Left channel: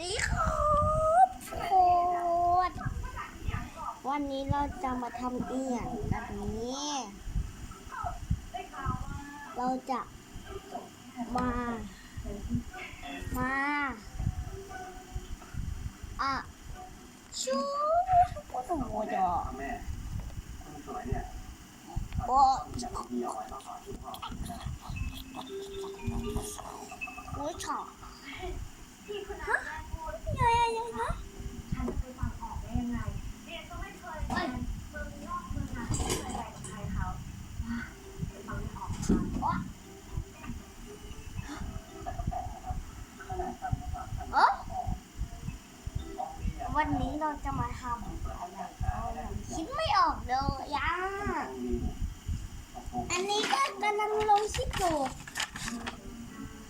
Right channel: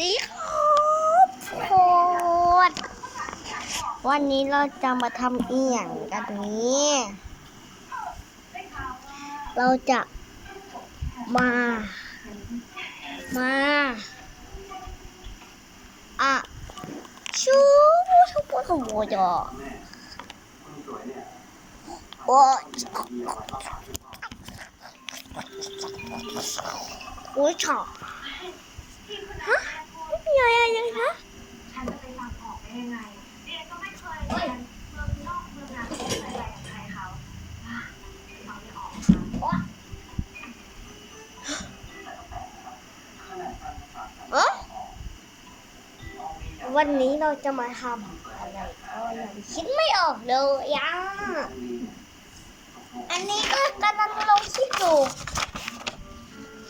ดีครับทุกคนวันนี้เราจะมาทำเอียงกันนี้ เราจะมา มาอะชูชูปวดหัวจอโอ้ยโอ้ยฉอกฮะ วันนี้เราจะมาทำอะไรก็ยังคิดไม่ออกเลยอะอันนี้ก็กำลังลงคิดอยู่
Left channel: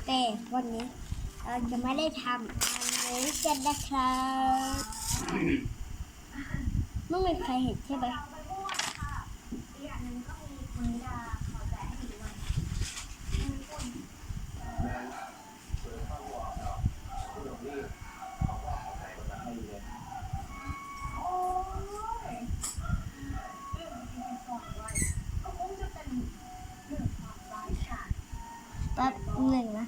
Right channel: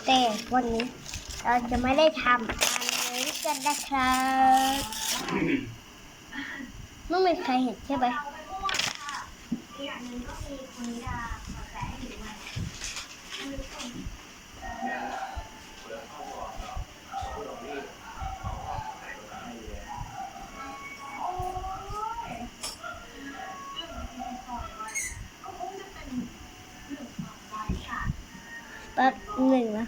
แต่วันนี้เราจะไม่ได้ทำอันนี้กันนะครับไม่มีใครเห็นใช่ไหม หนึ่งนะ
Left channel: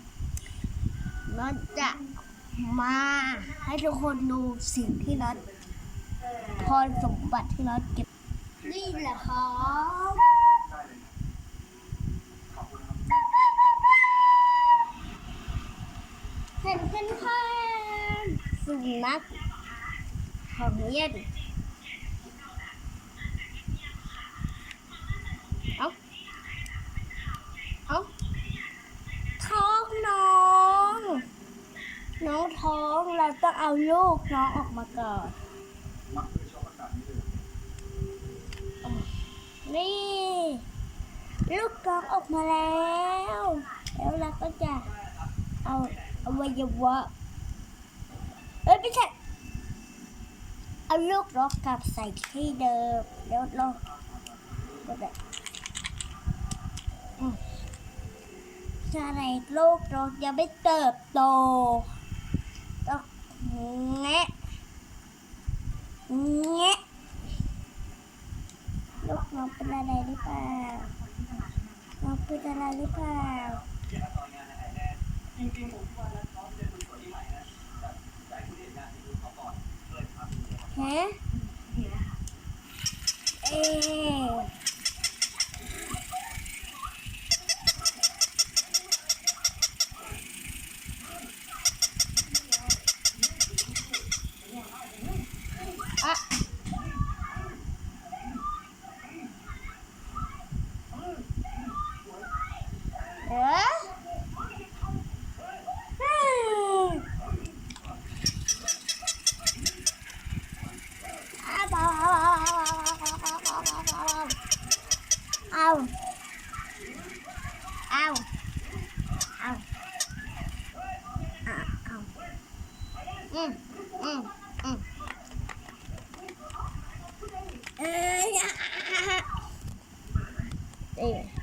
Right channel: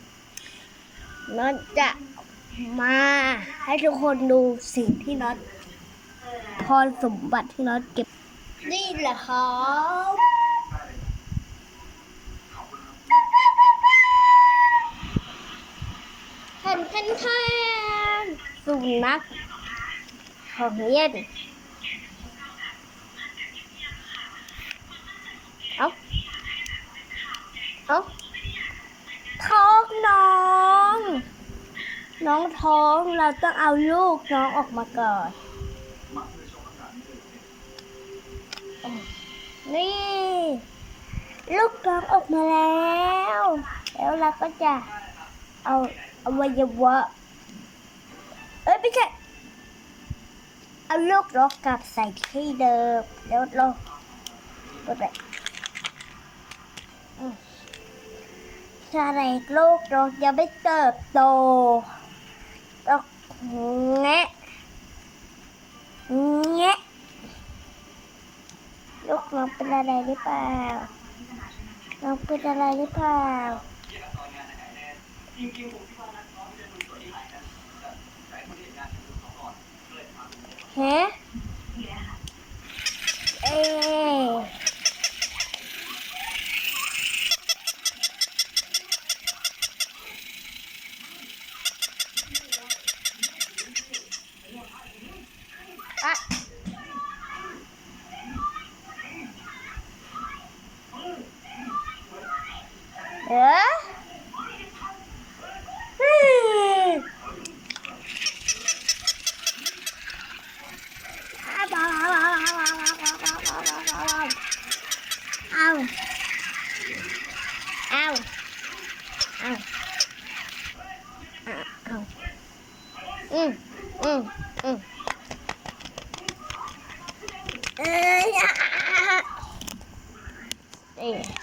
น็อตจะมาให้ทุกคนดูสิ่งที่น็อตพรสมบัติที่น็อตเก็บ นี่แหละครับแทนแทนแทนสุนัขของเล่นเอาเอาท้องน้อง น้องท้องเราต้องเอาลูกน้องออกมาก่อน นี่ ลูกน้องออกมาแล้ว แล้วเราก็จะเอาอวัยวะเอ้ยไม่ใช่เอาลูกน้องกลับใส่ที่เดิมแล้วเราก็แบบอืมถ้าในลูกน้องยังไม่เติบโต ต้องแงะแงะลูกน้องเป็นอะไรหรือเปล่า น้องเป็นอะไรหรือเปล่าฮะเอ๊ะอะ เอ๊ะเฮ้ยเอ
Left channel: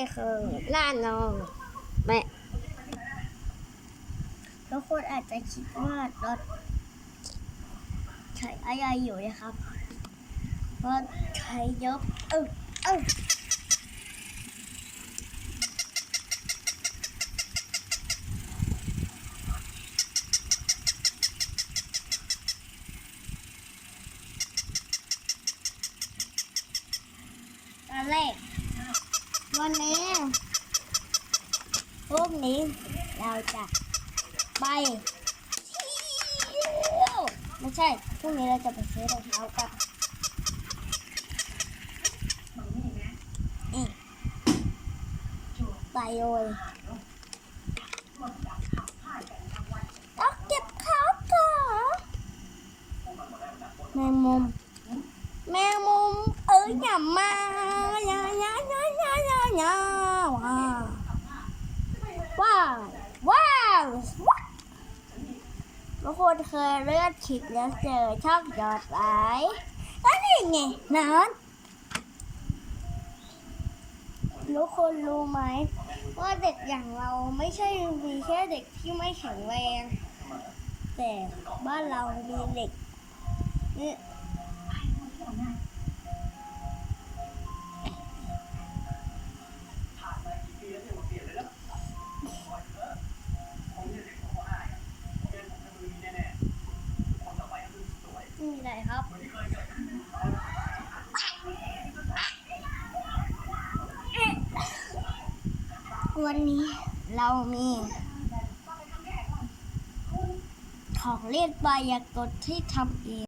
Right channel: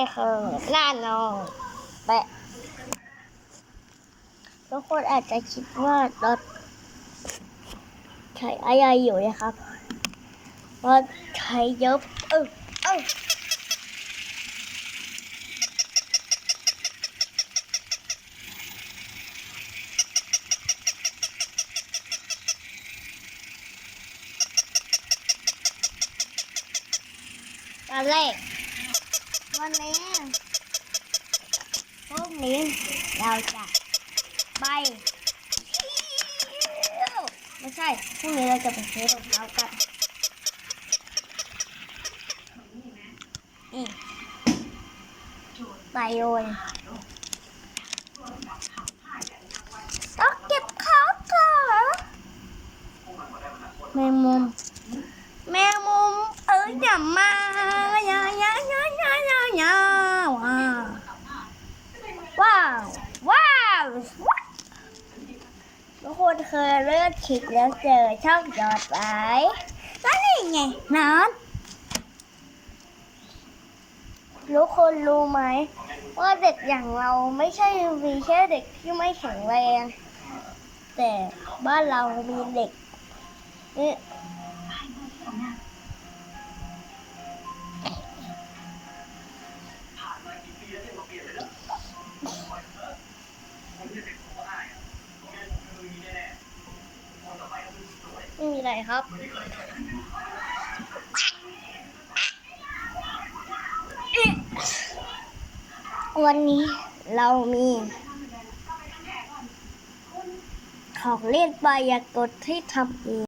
าเอาเอาเอาเอาเอาอืมอืมอืมเอ้ยเอ๊ะไม่เคยน่านอนแม่ทุกคนอาจจะคิดว่ารถใช้อะไรอยู่นะครับรถใช้เยอะเออเออตอนแรก วันนี้พรุ่งนี้เราจะไปไม่ใช่พรุ่งนี้เราจะไปซื้อรองเท้ากันไปเลยต้องเก็บเขาก่อนแมงมุมเอ้ยอย่ามาอย่าอย่าอย่าอย่าอย่าอย่าว้าวว้าวทุกคนเคยเลือนคลิปแล้วเจอช่องยอดไว้ก็นี่ไงน้ำทุกคนรู้ไหม ว่าเด็กอย่างเราไม่ใช่มีแค่เด็กที่ไม่แข็งแรง แต่บ้านเรามีเด็ก ไม่มีอะไรครับ วันนี้เรามี ของเล่นปลายากดที่ทำเอง